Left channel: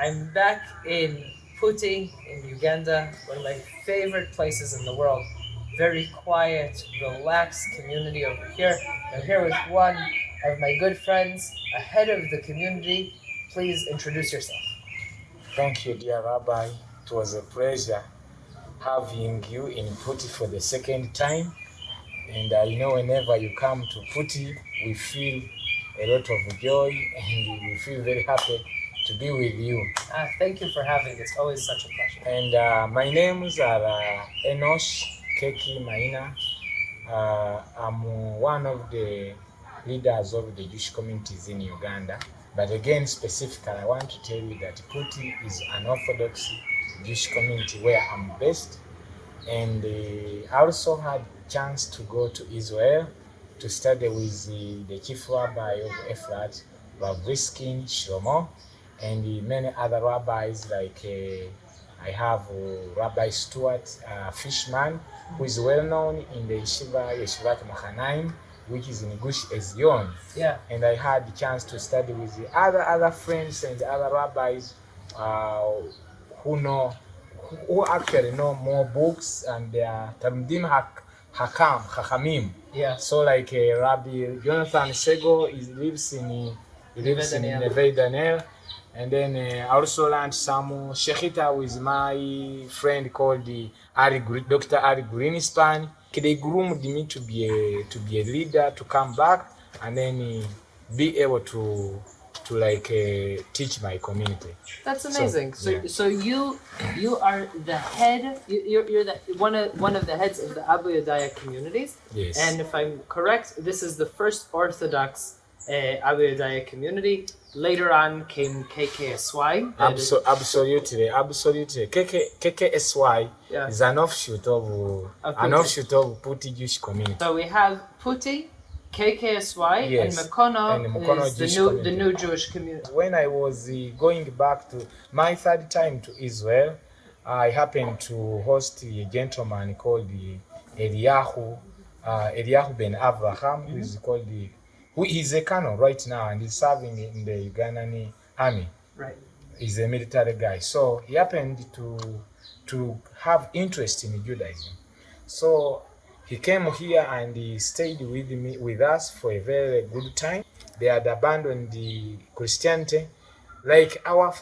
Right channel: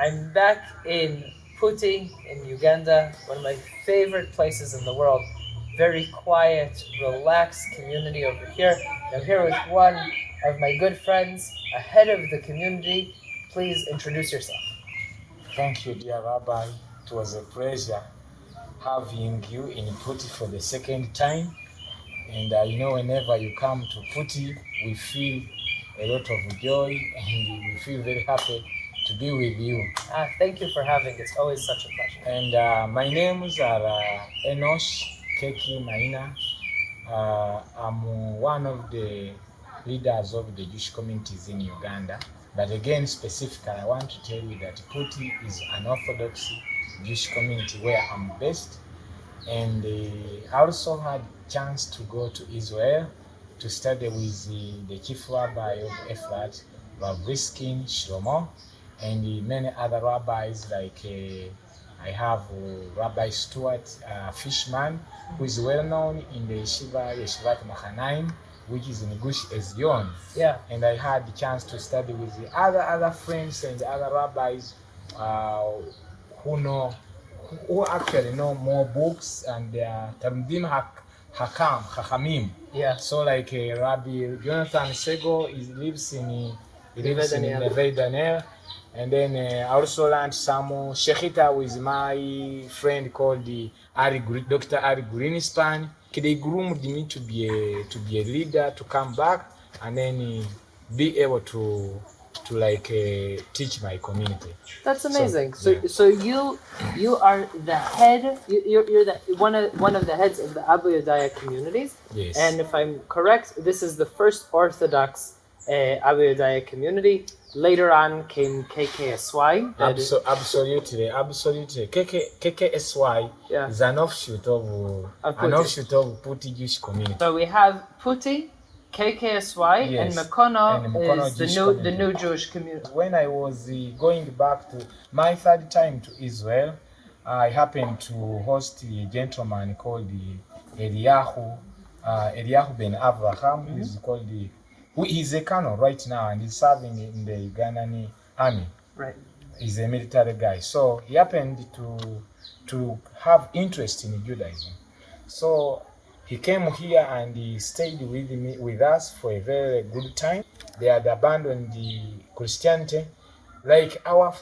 I'm back in Putti in Uganda, one of my favorite places in the world. Very quiet, relaxed community over here. I'm here with one of my good friends, a head of the community. Please introduce yourself. Thank you, dear Rabbi. It was a pleasure having you in Putti for the second time. And whenever you come to Putti, we feel a lot of joy and we feel very happy to be with you. Thank you for having. It's always such a pleasure. And my names are Enosh, Keki, Maina. I'm one of the leaders of the Jewish communities in Uganda. But again, specifically, I want to tell you that Putti is an Orthodox Jewish community where I'm based. And I also had a chance to go to Israel to study with the chief rabbi of Efrat, Rav Riskin Shlomo, and many other rabbis like I have Rabbi Stuart Fishman, who is well known in the Yeshivat Machanaim, which is in Gush Ezion. Yeah. And I had the chance to study with the other friends and other rabbis who actually know more books, and they are Talmudim Hakamim. Yeah. So like Rabbi Jonathan Sego lives in Neve Daniel. And then I also learned some Shechita with my friend called Dr. Ari Greenspan. They groomed me to be a leader, to come back and then be able to teach my community. That's amazing. So you are the head. You're the one of the heads of the Abayudaya communities. Yes. And if I'm correct, this is the first Orthodox Abayudaya community. Later on came KKSY. Absolutely. KKSY is an offshoot of Putti Jewish community. So we have Putti, KKSY, yes, and Mekono is the new Jewish community. When I was going back to my third time to Israel, I happened to host a gentleman called Eliyahu ben Avraham, who is called he's a colonel right now, and he's serving in the Ugandan army. Right. He's a military guy. So he happened to have interest in Judaism. So he came here and he stayed with us for a very good time. They had abandoned the Christianity like our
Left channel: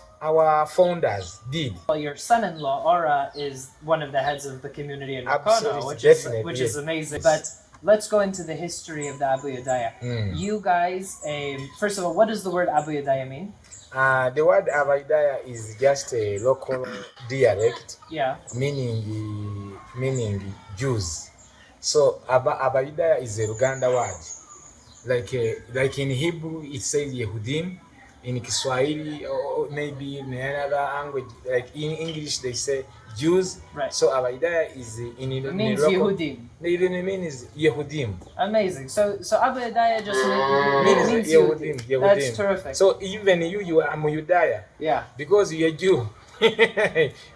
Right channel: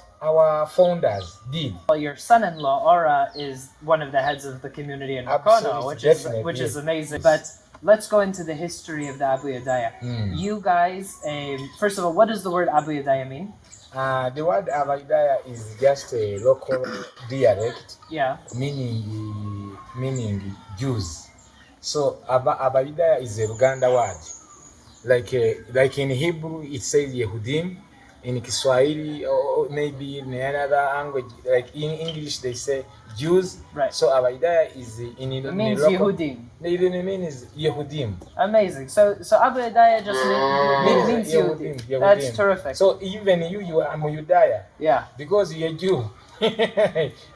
founders did. Well, your son-in-law Ora is one of the heads of the community in Mekono, which is amazing. But let's go into the history of the Abayudaya. You guys, first of all, what does the word Abayudaya mean? The word Abayudaya is just a local dialect, meaning Jews. So Abayudaya is a Uganda word. Like in Hebrew, it says Yehudim. In Kiswahili, or maybe in another language, like in English, they say Jews. Right. So Abayudaya is in local. Yehudim. It means Yehudim. Amazing. So Abayudaya just means Yehudim. That's terrific. So even you are Abayudaya. Yeah. Because you are Jew.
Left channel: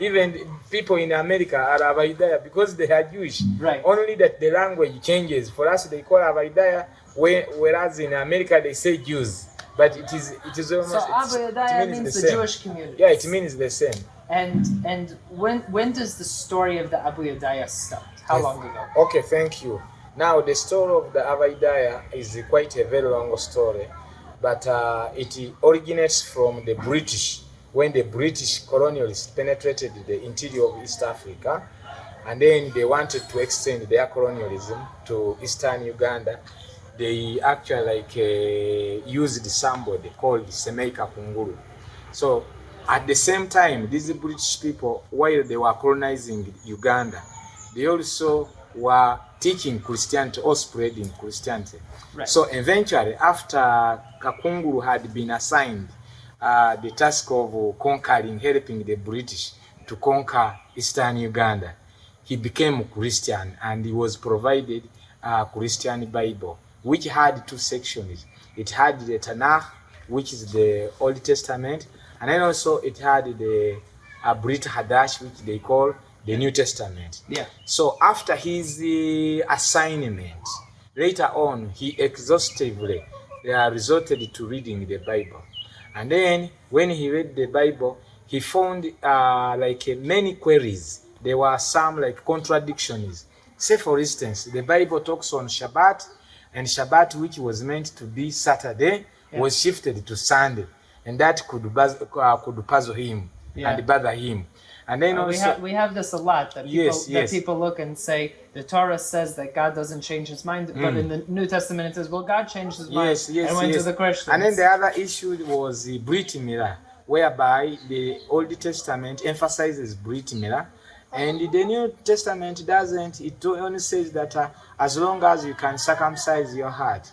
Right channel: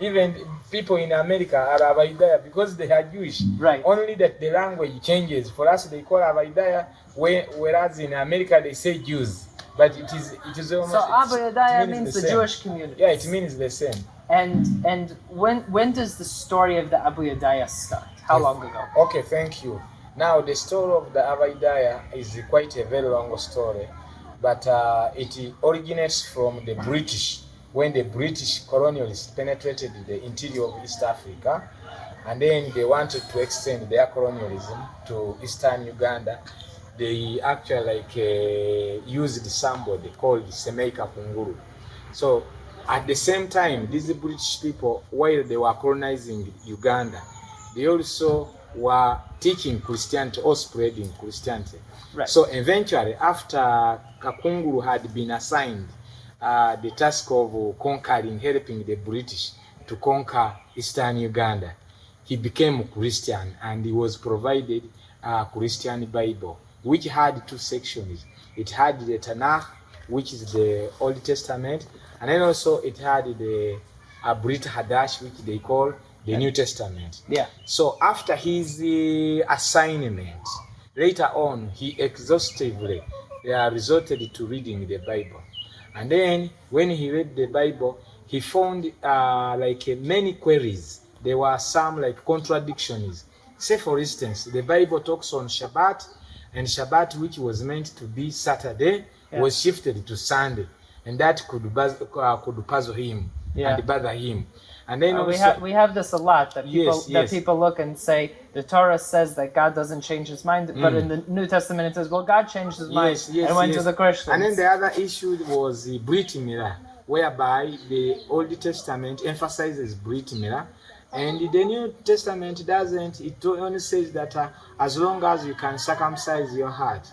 Even people in America are Abayudaya because they are Jewish. Right. Only that the language changes. For us, they call Abayudaya, whereas in America they say Jews. But it is almost. So Abayudaya means the Jewish community. Yeah, it means the same. And when does the story of the Abayudaya start? How long ago? Okay, thank you. Now the story of the Abayudaya is quite a very long story, but it originates from the British, when the British colonialists penetrated the interior of East Africa, and then they wanted to extend their colonialism to eastern Uganda. They actually used somebody called Semeika Kunguru. So at the same time, these British people, while they were colonizing Uganda, they also were teaching Christianity or spreading Christianity. Right. So eventually, after Kakunguru had been assigned the task of helping the British to conquer eastern Uganda, he became a Christian, and he was provided a Christian Bible, which had two sections. It had the Tanakh, which is the Old Testament, and then also it had the Brit Hadash, which they call the New Testament. Yeah. So after his assignment, later on, he exhaustively resorted to reading the Bible. And then when he read the Bible, he found many queries. There were some like contradictions. Say for instance, the Bible talks on Shabbat, and Shabbat, which was meant to be Saturday, was shifted to Sunday, and that could puzzle him and bother him. And then we have this a lot, that people look and say the Torah says that God doesn't change his mind, but in the New Testament it says, well, God changed his mind and went to the Christians. And then the other issue was the Brit Milah, whereby the Old Testament emphasizes Brit Milah, and the New Testament doesn't. It only says that as long as you can circumcise your heart.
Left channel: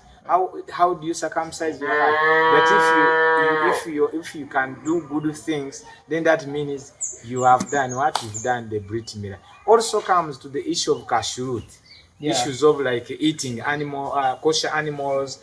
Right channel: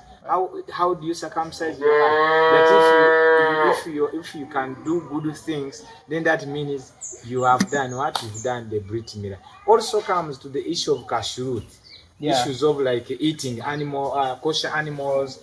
How do you circumcise your heart? That if you can do good things, then that means you have done what you've done, the Brit Milah. Also comes to the issue of kashrut, issues of like eating kosher animals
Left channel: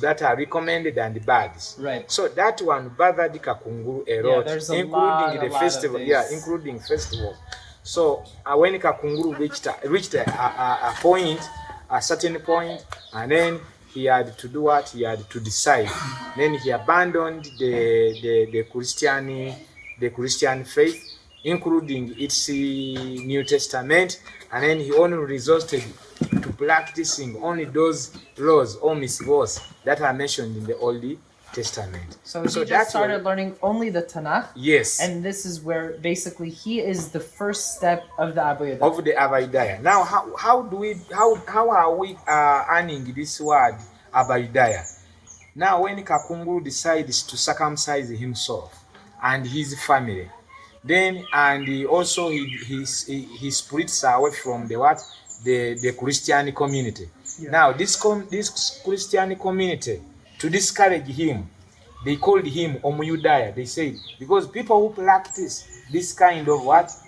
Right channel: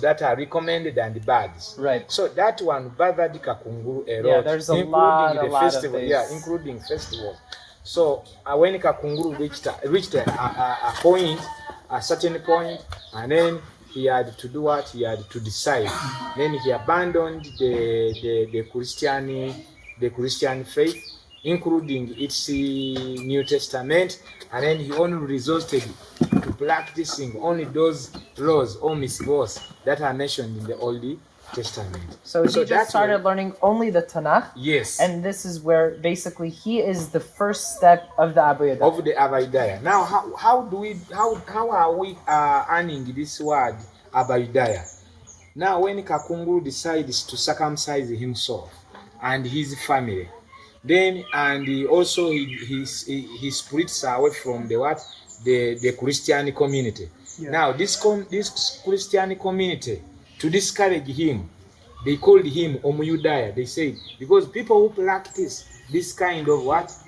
that are recommended and birds. Right. So that one bothered Kakunguru a lot, including the festival. Including festivals. So when Kakunguru reached a point, a certain point, and then he had to do what? He had to decide. Then he abandoned the Christian faith, including its New Testament, and then he only resorted to practicing only those laws or mitzvot that are mentioned in the Old Testament. So he just started learning only the Tanakh. Yes. And this is where basically he is the first step of the Abayudaya. Of the Abayudaya. Now, how are we earning this word Abayudaya? Now, when Kakunguru decides to circumcise himself and his family, then he splits away from the Christian community. Yeah. Now, this Christian community, to discourage him, they called him Abayudaya. They said, because people who practice this kind of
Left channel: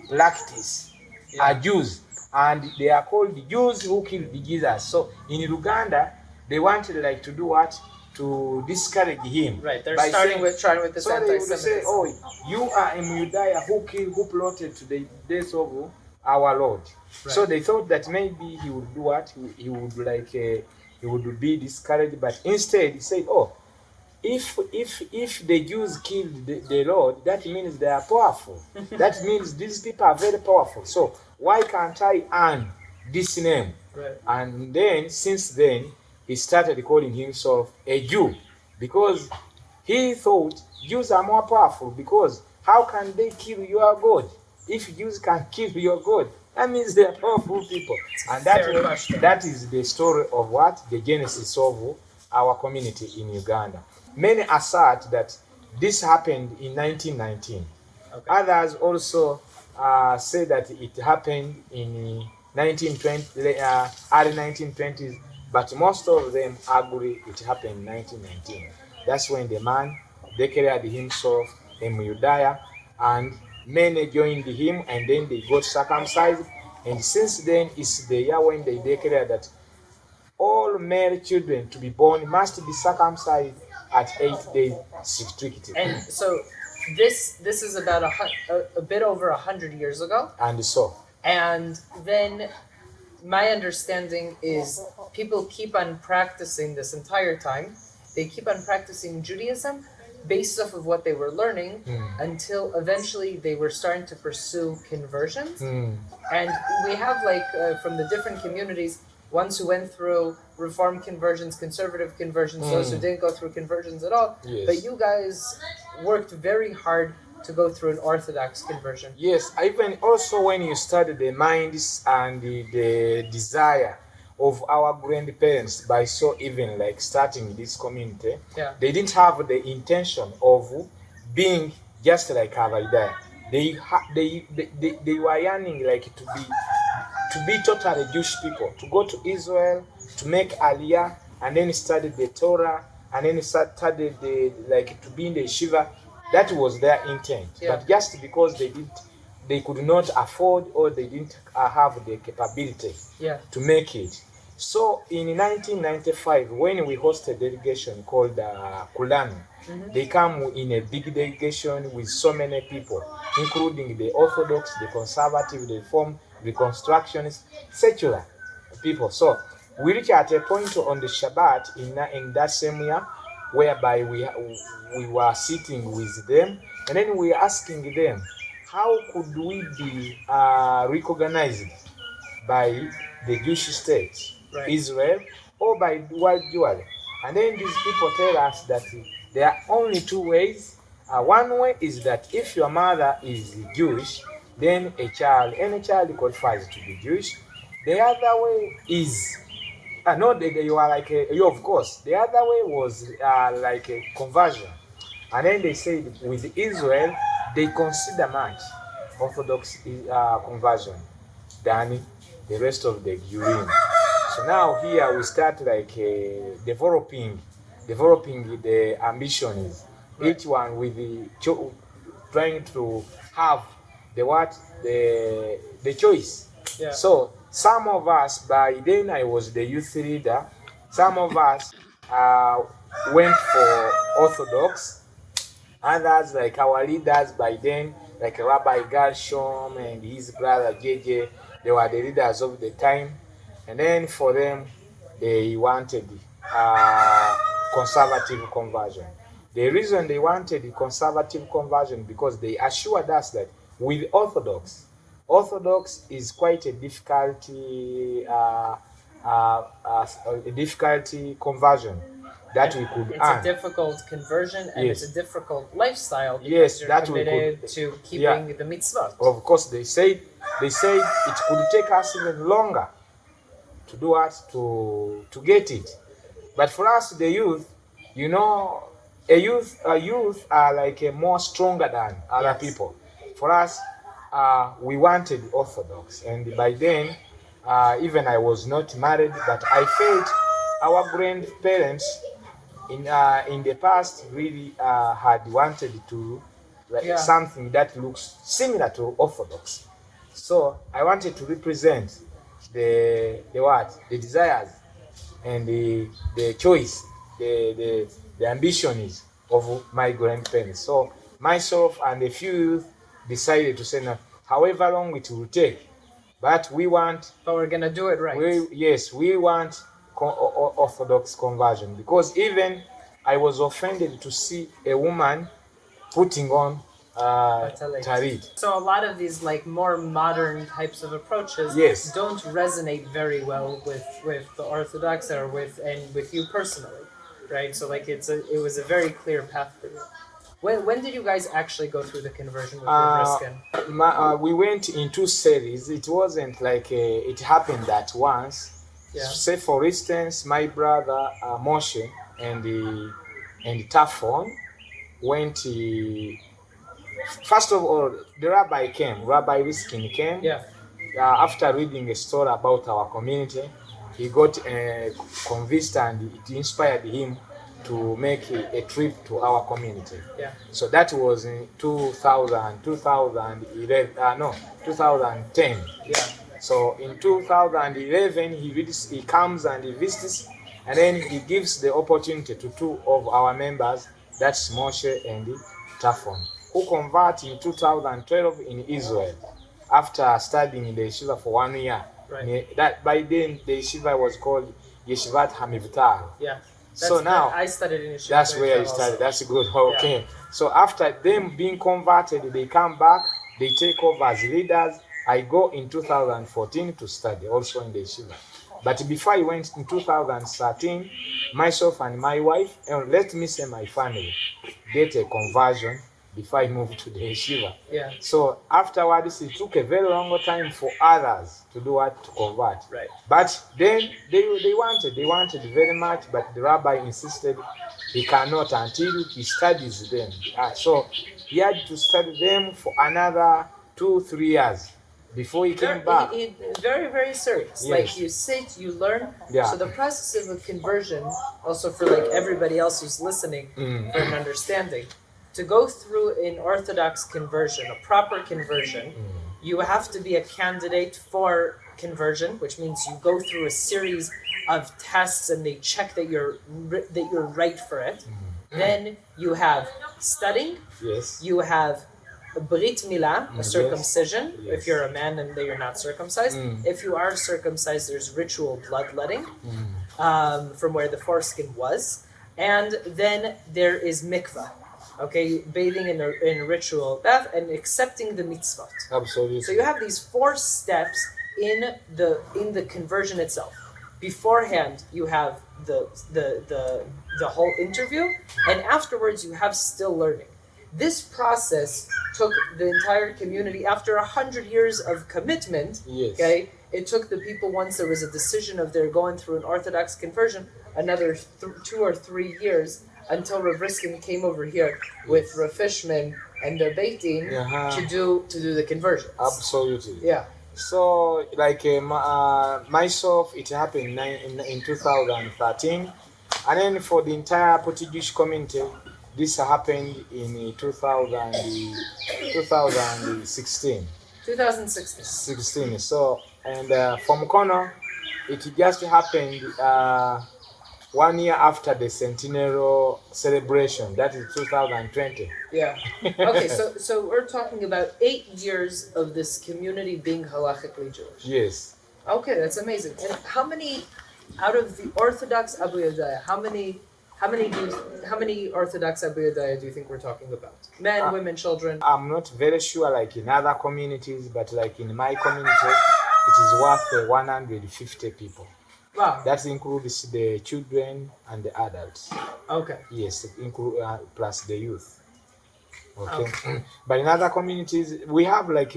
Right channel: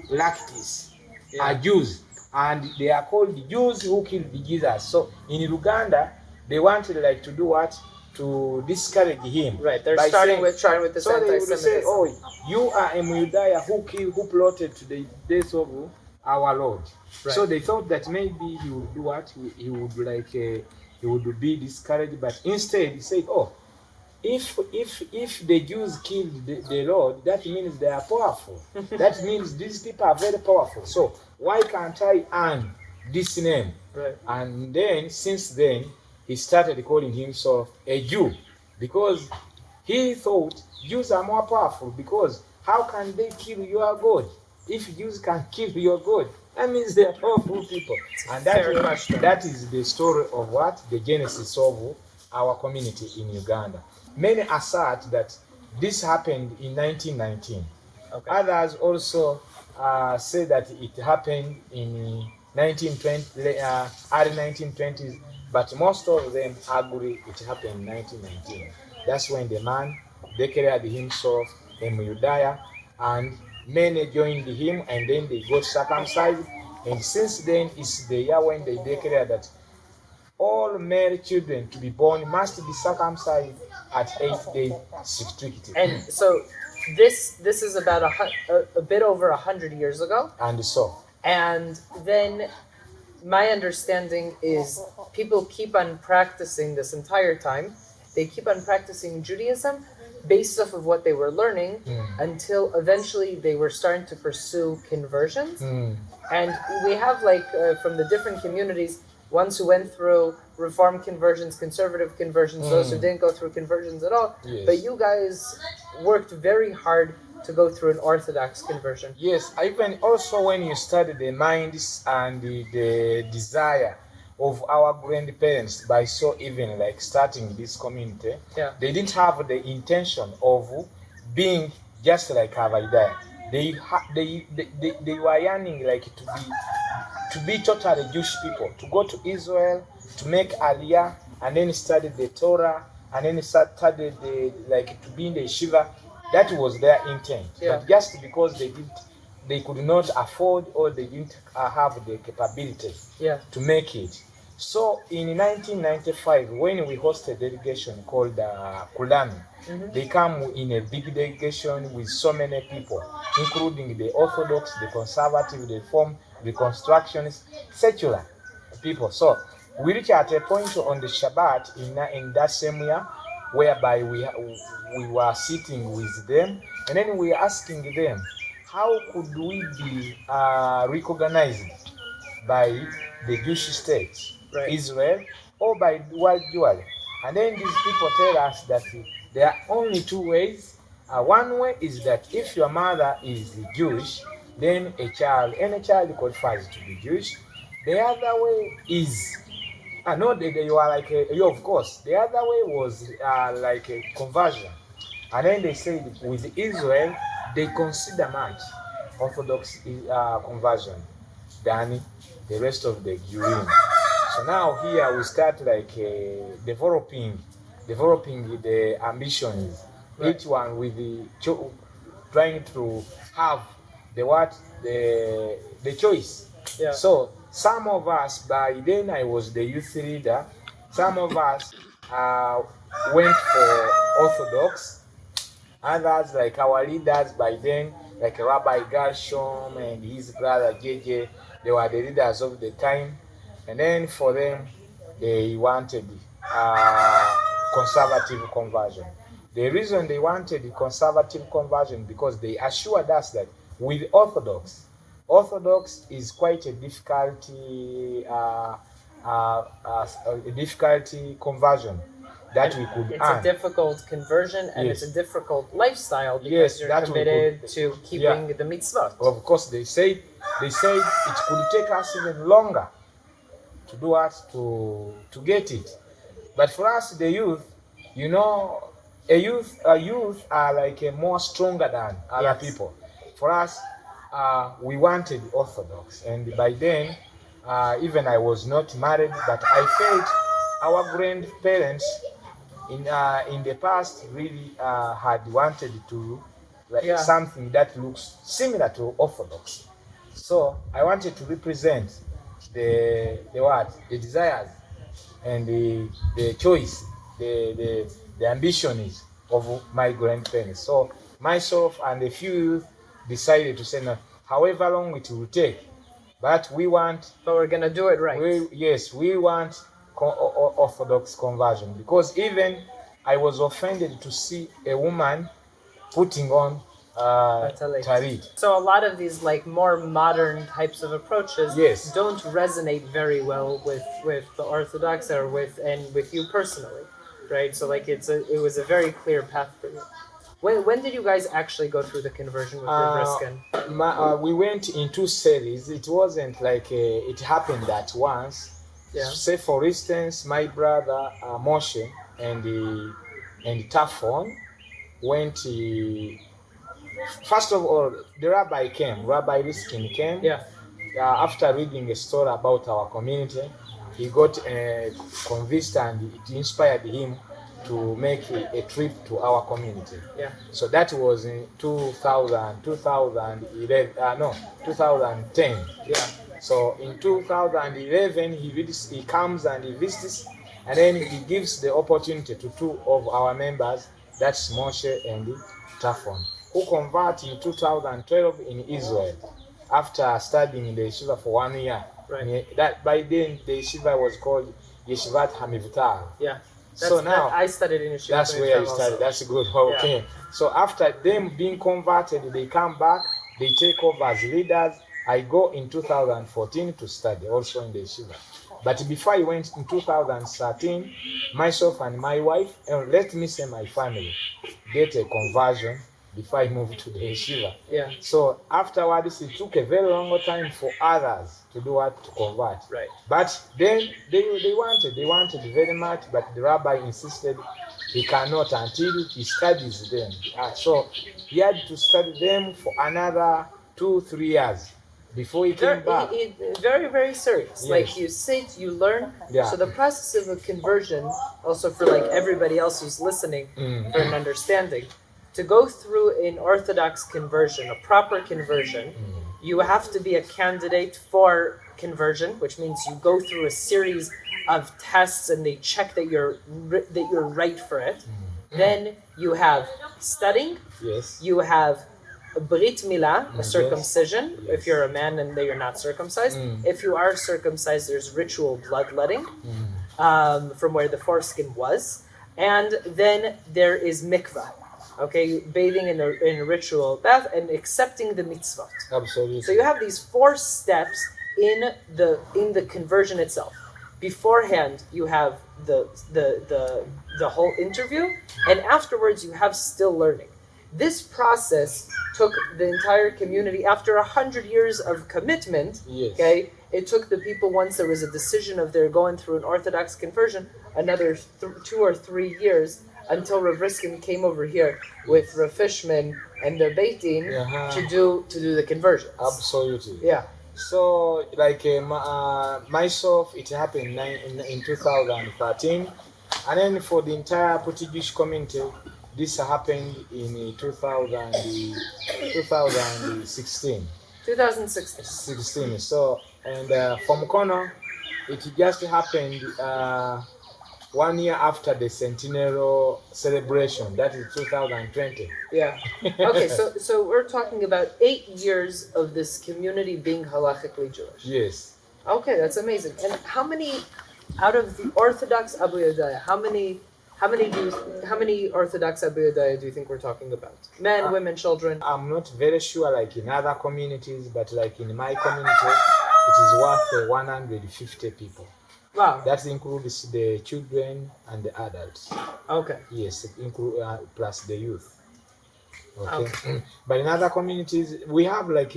practice are Jews, and they are called the Jews who killed Jesus. So in Uganda, they wanted to do what? To discourage him. Right, they're trying with this. So they would say, oh, you are Abayudaya who plotted to the death of our Lord. Right. So they thought that maybe he would do what? He would be discouraged, but instead he said, oh, if the Jews killed the Lord, that means they are powerful. That means these people are very powerful. So why can't I earn this name? Right. And then, since then, he started calling himself a Jew, because he thought Jews are more powerful, because how can they kill your God? If Jews can kill your God, that means they are powerful people. And that is the story of the genesis of our community in Uganda. Many assert that this happened in 1919. Okay. Others also say that it happened in 1920, early 1920s, but most of them agree it happened in 1919. That's when the man declared himself Abayudaya, and many joined him, and then they got circumcised. And since then, it's the year when they declared that all male children to be born must be circumcised at 8 days strictly. And so this is about a bit over 100 years ago. And then my understanding is people keep on practicing this entire time. They keep on practicing Judaism based off of what they were learning until eventually they were starting to pursue conversions. And we have from the different communities, ones who went through Reform conversions, conservative conversions, those who didn't go through conversions at all. Yes. But you guys worked very hard to go through an Orthodox conversion. Yes, even also when you study the minds and the desire of our grandparents by even starting this community, they didn't have the intention of being just like Abayudaya. They were yearning to be totally Jewish people, to go to Israel, to make Aliyah, and then study the Torah, and then study to be in the yeshiva. That was their intent. But just because they could not afford, or they didn't have the capability to make it. So in 1995, when we hosted a delegation called Kulami, they come in a big delegation with so many people, including the Orthodox, the Conservative, the Reform, Reconstructionists, secular people. So we reached at a point on the Shabbat in that same year, whereby we were sitting with them, And then we're asking them, how could we be recognized by the Jewish state, Right. Israel, or by the world Jewry? And then these people tell us that there are only two ways. One way is that if your mother is Jewish, then any child qualifies to be Jewish. The other way is, no, you are like you, of course. The other way was like a conversion. And then they said with Israel, they consider much Orthodox conversion than the rest of the Jurim. So now here we start like developing the ambitions, right. Each one with trying to have the choice. Yeah. So some of us, by then I was the youth leader, some of us went for Orthodox. Others, like our leaders by then, like Rabbi Gershom and his brother JJ, they were the leaders of the time. And then for them, they wanted conservative conversion. The reason they wanted conservative conversion because they assured us that with Orthodox is quite a difficult conversion that we could it's earn. A difficult conversion, and yes. It's a difficult lifestyle because yes, you're committed to keeping the mitzvot. Of course, they said it could take us even longer to do what to get it. But for us, the youth, you know, a youth are like a more stronger than other people. For us, we wanted Orthodox, and by then, even I was not married, but I felt our grandparents in the past really had wanted to something that looks similar to Orthodox. So I wanted to represent the desires and the choice, the ambitions of my grandparents. So myself and a few youth decided to say, no, however long it will take, but we're gonna do it right. We want Orthodox conversion, because even I was offended to see a woman putting on talit. So a lot of these like more modern types of approaches don't resonate very well with the Orthodox or with you personally, right? So like it was a very clear path for you. When did you guys actually go through the conversion with Briskin? We went in two series. It wasn't like it happened at once. Yeah. Say for instance, my brother Moshe and Tafon went. First of all, the rabbi Riskin came. Yeah. After reading a story about our community, he got convinced, and it inspired him to make a trip to our community. Yeah. So that was in 2010. Yeah. So in 2011, he comes and he visits, and then he gives the opportunity to two of our members, that's Moshe and Tafon, who converted in 2012 in Israel after studying in the yeshiva for 1 year. Right. That by then the yeshiva was called Yeshivat Hamivtar. Yeah. So now I studied in yeshiva. That's where I studied. That's good. Okay. Yeah. So after them being converted, they come back. They take over as leaders. I go in 2014 to study also in the yeshiva. But before I went in 2013, myself and my wife, and let me say my family, did a conversion before I moved to the yeshiva. Yeah. So afterwards, it took a very long time for others to do what, to convert. Right. But then they wanted very much, but the rabbi insisted he cannot until he studies them. So he had to study them for another 2-3 years before he came back. Very, very serious. Yes. Like you sit, you learn. Yeah. So the process of a conversion, also for like everybody else who's listening, for an understanding, to go through an Orthodox conversion, a proper conversion, you have to be a candidate for conversion, which means you go through a series of tests and they check that you're right for it. Then you have studying. Yes. You have a Brit Milah, a circumcision, if you're a man and you're not circumcised. If you are circumcised, there's ritual bloodletting from where the foreskin was. And then there is mikvah. Okay, bathing in a ritual bath and accepting the mitzvot. Absolutely. So you have these 4 steps in the conversion itself. Beforehand, you have the whole interview, and afterwards you have still learning. This process took the entire community after 100 years of commitment. Yes. Okay, it took the people, once there was a decision of they're going through an Orthodox conversion, another 2 or 3 years until Rav Riskin came over here with Rav Fishman and their Beit Din to do the conversions. Absolutely. Yeah. So, like myself, it happened in 2013, and then for the entire Putti Jewish community, this happened in 2016. 2016. 16. So, and from Kono, it just happened 1 year after the centennial celebration. That is 2020. Yeah. Okay, so we're talking about 8 years of this community being halachically Jewish. Yes. Okay, that's amazing. And how many out of the Orthodox Abayudaya, how many Orthodox Abayudaya do you think we're talking about? Men, women, children? I'm not very sure like in other communities, but like in my community, it is worth 150 people. Wow. That includes the children and the adults. Okay. Yes, plus the youth. Okay. But in other communities, we have like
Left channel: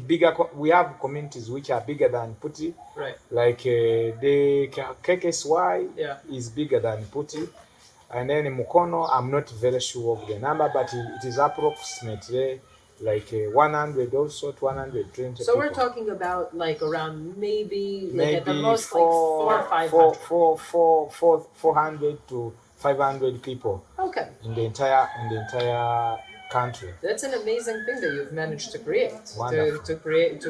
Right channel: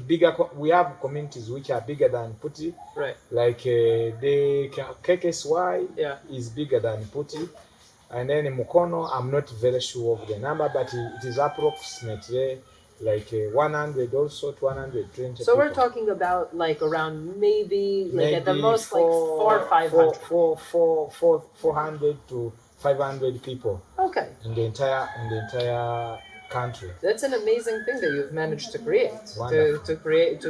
we have communities which are bigger than Putti. Right. Like the KKSY is bigger than Putti. And then in Mukono, I'm not very sure of the number, but it is approximately like 100 also to 120 So people. we're talking about like around maybe at the most like 400 or 500. 400 to 500 people. Okay. In the entire country. That's an amazing thing that you've managed to create. To create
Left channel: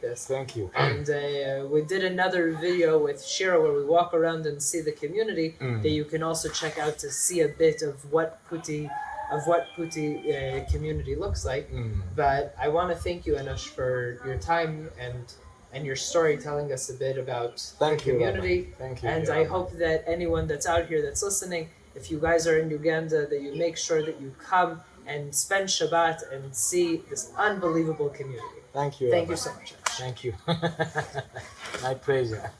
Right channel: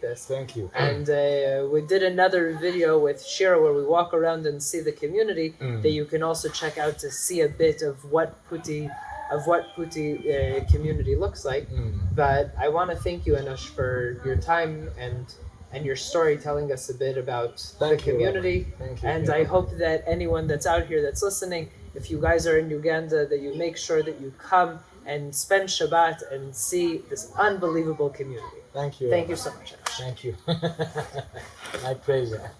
this. Thank you. And we did another video with Shira where we walk around and see the community that you can also check out to see a bit of what Putti community looks like. But I want to thank you, Enosh, for your time and your story, telling us a bit about the community. Thank you. And I hope that anyone that's out here that's listening, if you guys are in Uganda, that you make sure that you come and spend Shabbat and see this unbelievable community. Thank you. Thank you so much, Enosh. Thank you. My pleasure.